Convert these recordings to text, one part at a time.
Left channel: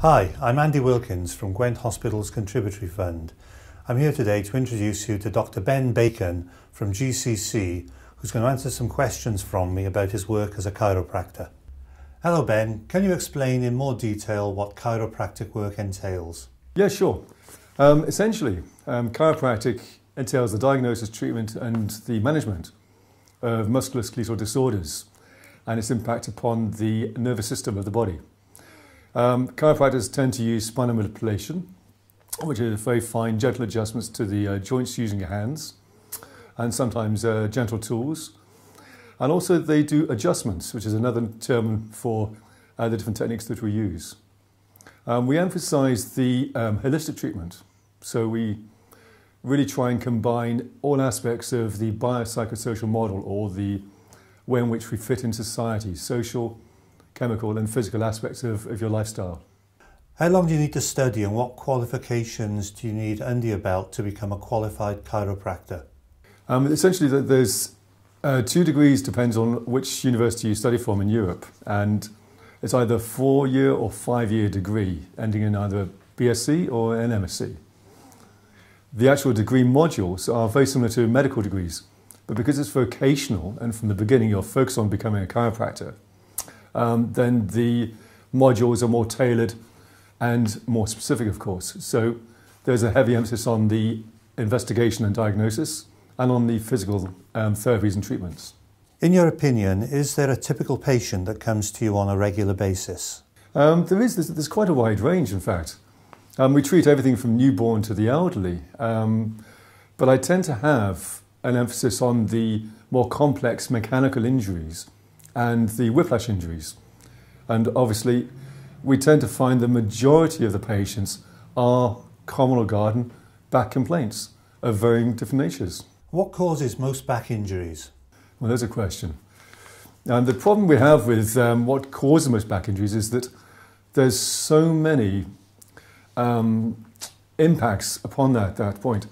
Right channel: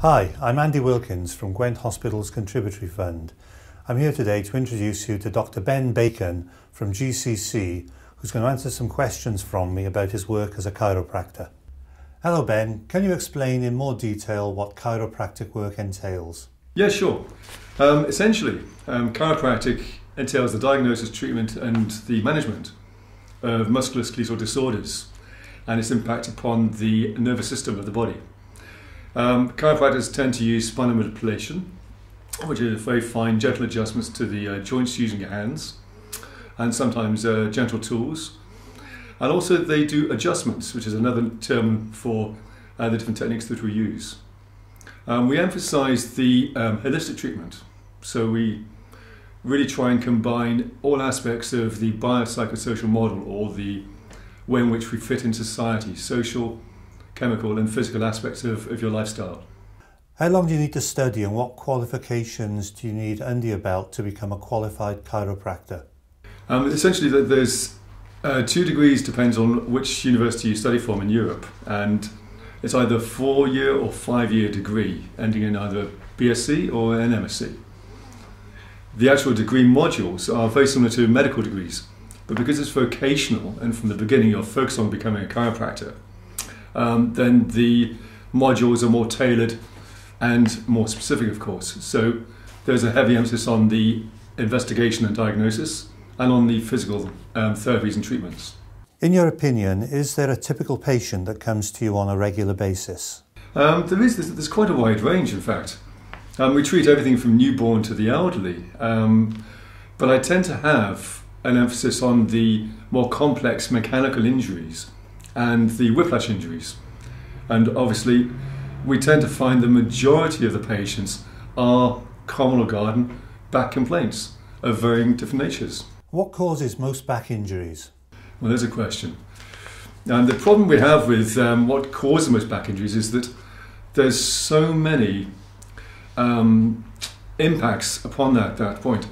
Hi, I'm Andy Wilkins from Gwent Hospital's Contributory Fund. I'm here today to introduce you to Dr. Ben Bacon from GCC, who's going to answer some questions from me about his work as a chiropractor. Hello Ben, can you explain in more detail what chiropractic work entails? Yeah, sure. Essentially, chiropractic entails the diagnosis, treatment and the management of musculoskeletal disorders and its impact upon the nervous system of the body. Chiropractors tend to use spinal manipulation, which are very fine, gentle adjustments to the joints using your hands, and sometimes gentle tools. And also they do adjustments, which is another term for the different techniques that we use. We emphasize the holistic treatment, so we really try and combine all aspects of the biopsychosocial model, or the way in which we fit in society, social, chemical and physical aspects of your lifestyle. How long do you need to study and what qualifications do you need under your belt to become a qualified chiropractor? Essentially there's 2 degrees, depends on which university you study from in Europe, and it's either a 4-year or 5-year degree ending in either BSc or an MSc. The actual degree modules are very similar to medical degrees, but because it's vocational and from the beginning you're focused on becoming a chiropractor, then the modules are more tailored and more specific, of course. So there's a heavy emphasis on the investigation and diagnosis and on the physical therapies and treatments. In your opinion, is there a typical patient that comes to you on a regular basis? There's quite a wide range, in fact. We treat everything from newborn to the elderly, but I tend to have an emphasis on the more complex mechanical injuries and the whiplash injuries. And obviously we tend to find the majority of the patients are common or garden back complaints of varying different natures. What causes most back injuries? Well, there's a question. And the problem we have with what causes most back injuries is that there's so many impacts upon that point.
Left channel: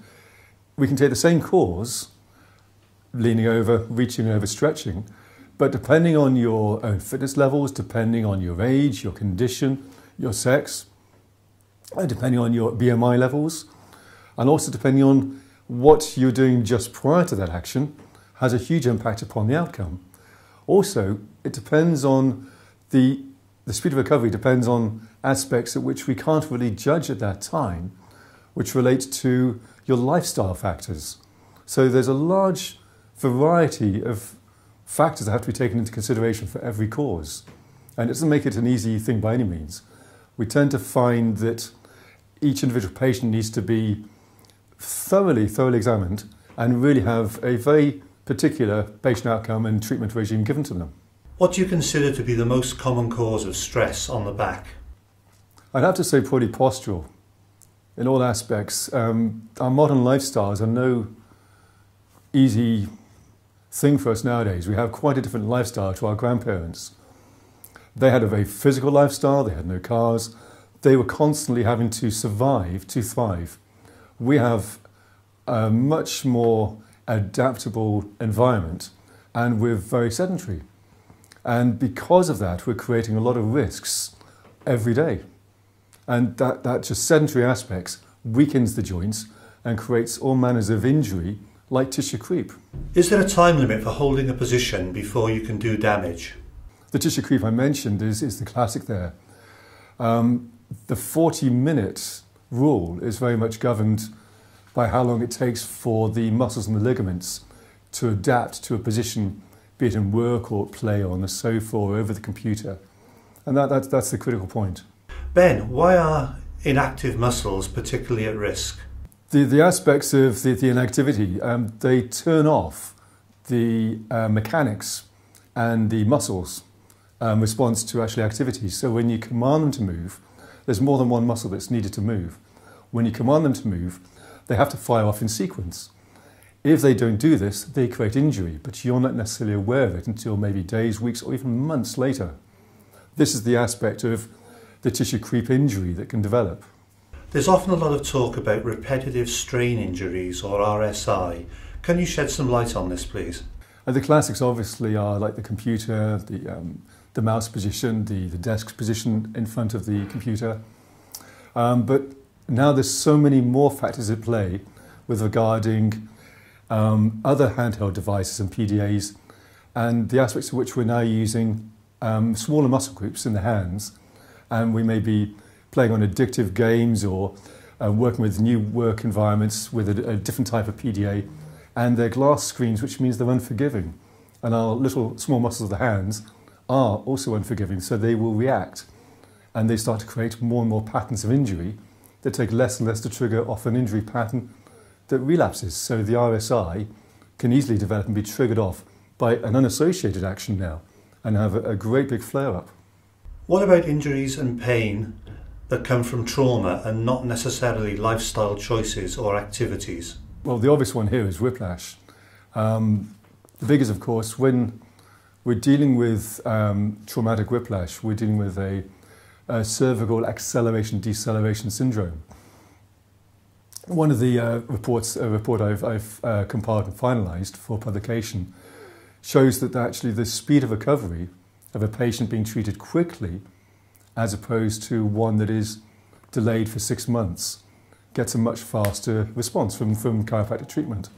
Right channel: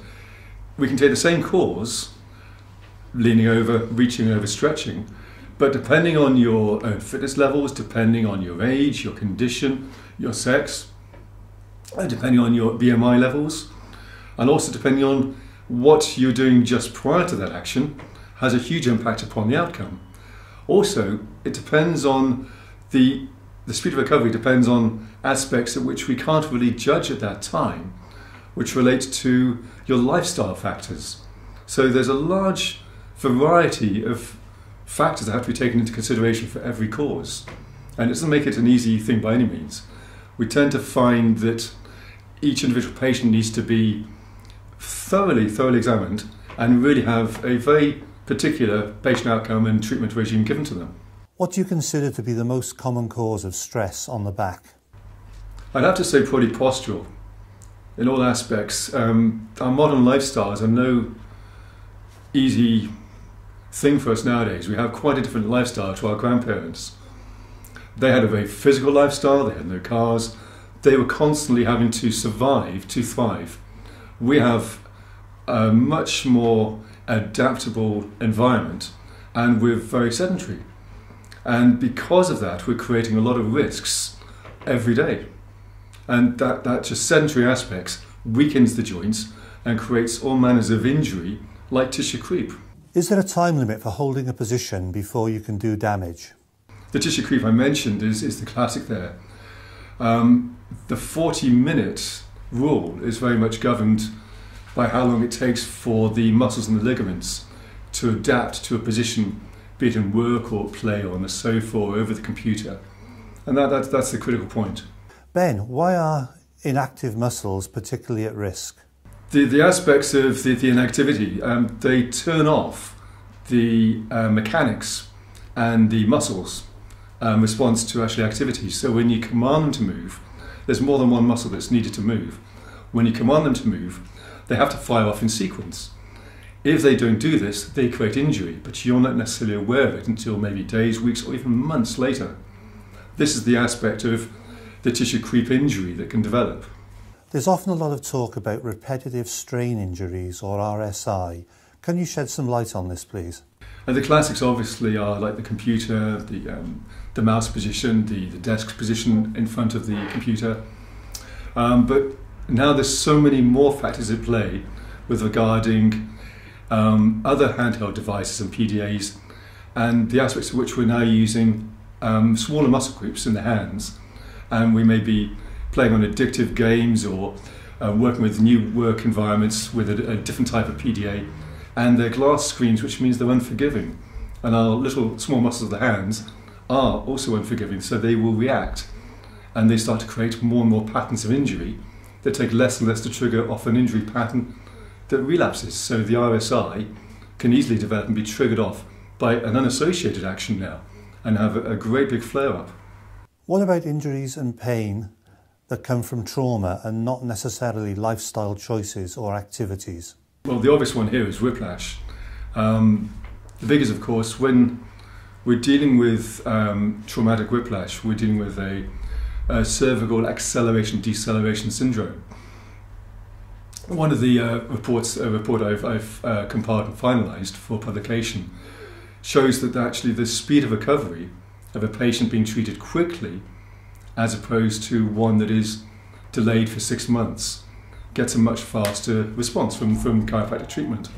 We can take the same cause, leaning over, reaching over, stretching, but depending on your own fitness levels, depending on your age, your condition, your sex, depending on your BMI levels, and also depending on what you're doing just prior to that action, has a huge impact upon the outcome. Also, it depends on the speed of recovery depends on aspects at which we can't really judge at that time, which relate to your lifestyle factors. So there's a large variety of factors that have to be taken into consideration for every cause. And it doesn't make it an easy thing by any means. We tend to find that each individual patient needs to be thoroughly examined and really have a very particular patient outcome and treatment regime given to them. What do you consider to be the most common cause of stress on the back? I'd have to say probably postural in all aspects. Our modern lifestyles are no easy thing for us nowadays. We have quite a different lifestyle to our grandparents. They had a very physical lifestyle, they had no cars, they were constantly having to survive to thrive. We have a much more adaptable environment and we're very sedentary. And because of that, we're creating a lot of risks every day. And that just sedentary aspects weakens the joints and creates all manners of injury like tissue creep. Is there a time limit for holding a position before you can do damage? The tissue creep I mentioned is the classic there. The 40-minute rule is very much governed by how long it takes for the muscles and the ligaments to adapt to a position, be it in work or play or on the sofa or over the computer. And that's the critical point. Ben, why are inactive muscles particularly at risk? The aspects of the inactivity, they turn off the mechanics and the muscles response to actually activity. So when you command them to move, there's more than one muscle that's needed to move. When you command them to move, they have to fire off in sequence. If they don't do this, they create injury, but you're not necessarily aware of it until maybe days, weeks, or even months later. This is the aspect of the tissue creep injury that can develop. There's often a lot of talk about repetitive strain injuries, or RSI. Can you shed some light on this, please? And the classics obviously are like the computer, the mouse position, the desk position in front of the computer. But now there's so many more factors at play with regarding other handheld devices and PDAs, and the aspects of which we're now using smaller muscle groups in the hands, and we may be playing on addictive games or working with new work environments with a different type of PDA, and they're glass screens, which means they're unforgiving, and our little small muscles of the hands are also unforgiving, so they will react, and they start to create more and more patterns of injury that take less and less to trigger off an injury pattern that relapses. So the RSI can easily develop and be triggered off by an unassociated action now and have a great big flare-up. What about injuries and pain that come from trauma and not necessarily lifestyle choices or activities? Well, the obvious one here is whiplash. The big is, of course, when we're dealing with traumatic whiplash, we're dealing with a cervical acceleration-deceleration syndrome. One of the report I've compiled and finalised for publication shows that actually the speed of recovery of a patient being treated quickly, as opposed to one that is delayed for 6 months, gets a much faster response from chiropractic treatment.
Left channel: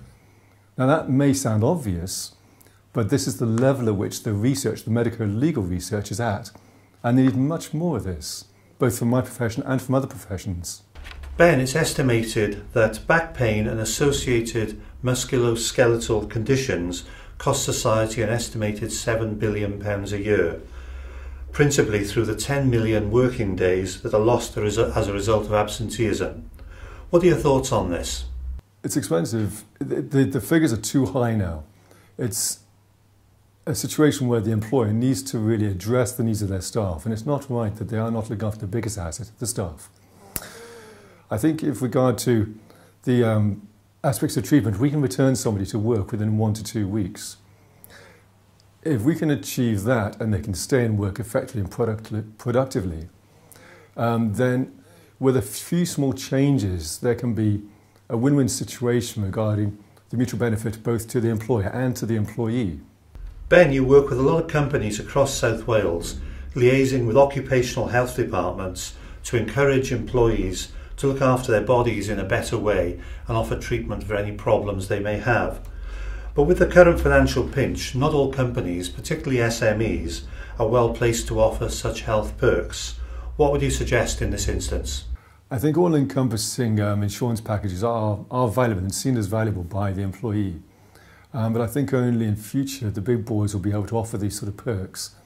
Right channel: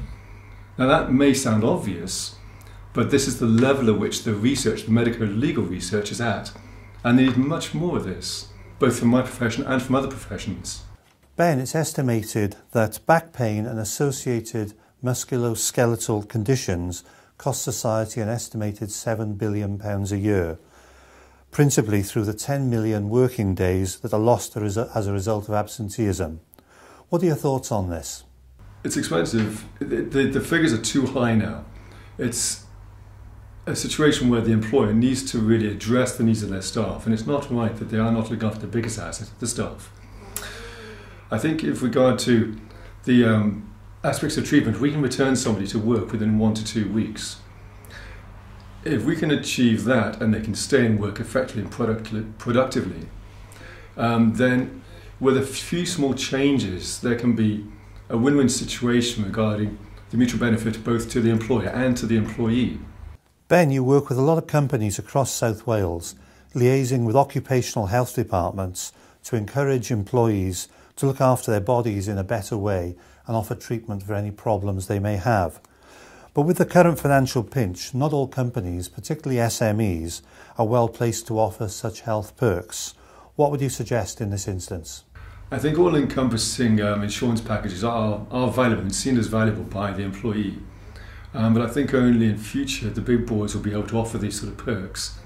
Now that may sound obvious, but this is the level at which the research, the medical and legal research is at, and they need much more of this, both from my profession and from other professions. Ben, it's estimated that back pain and associated musculoskeletal conditions cost society an estimated £7 billion a year, principally through the 10 million working days that are lost as a result of absenteeism. What are your thoughts on this? It's expensive. The figures are too high now. It's a situation where the employer needs to really address the needs of their staff, and it's not right that they are not looking after the biggest asset, the staff. I think with regard to the aspects of treatment, we can return somebody to work within 1 to 2 weeks. If we can achieve that and they can stay in work effectively and productively, then with a few small changes, there can be a win-win situation regarding the mutual benefit both to the employer and to the employee. Ben, you work with a lot of companies across South Wales, liaising with occupational health departments to encourage employees to look after their bodies in a better way and offer treatment for any problems they may have. But with the current financial pinch, not all companies, particularly SMEs, are well placed to offer such health perks. What would you suggest in this instance? I think all-encompassing insurance packages are valuable and seen as valuable by the employee. But I think only in future the big boys will be able to offer these sort of perks.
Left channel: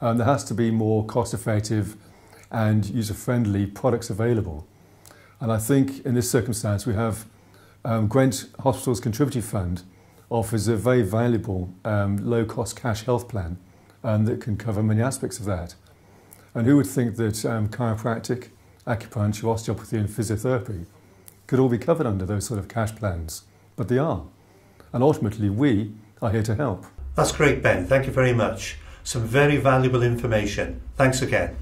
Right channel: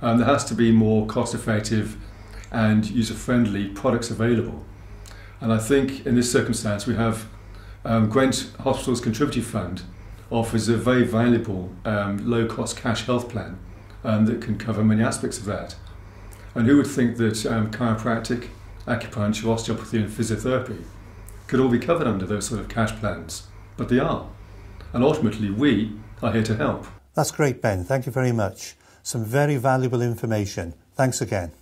There has to be more cost-effective and user-friendly products available. And I think in this circumstance we have Gwent Hospital's Contributory Fund offers a very valuable low-cost cash health plan that can cover many aspects of that. And who would think that chiropractic, acupuncture, osteopathy and physiotherapy could all be covered under those sort of cash plans? But they are. And ultimately we are here to help. That's great, Ben. Thank you very much. Some very valuable information. Thanks again.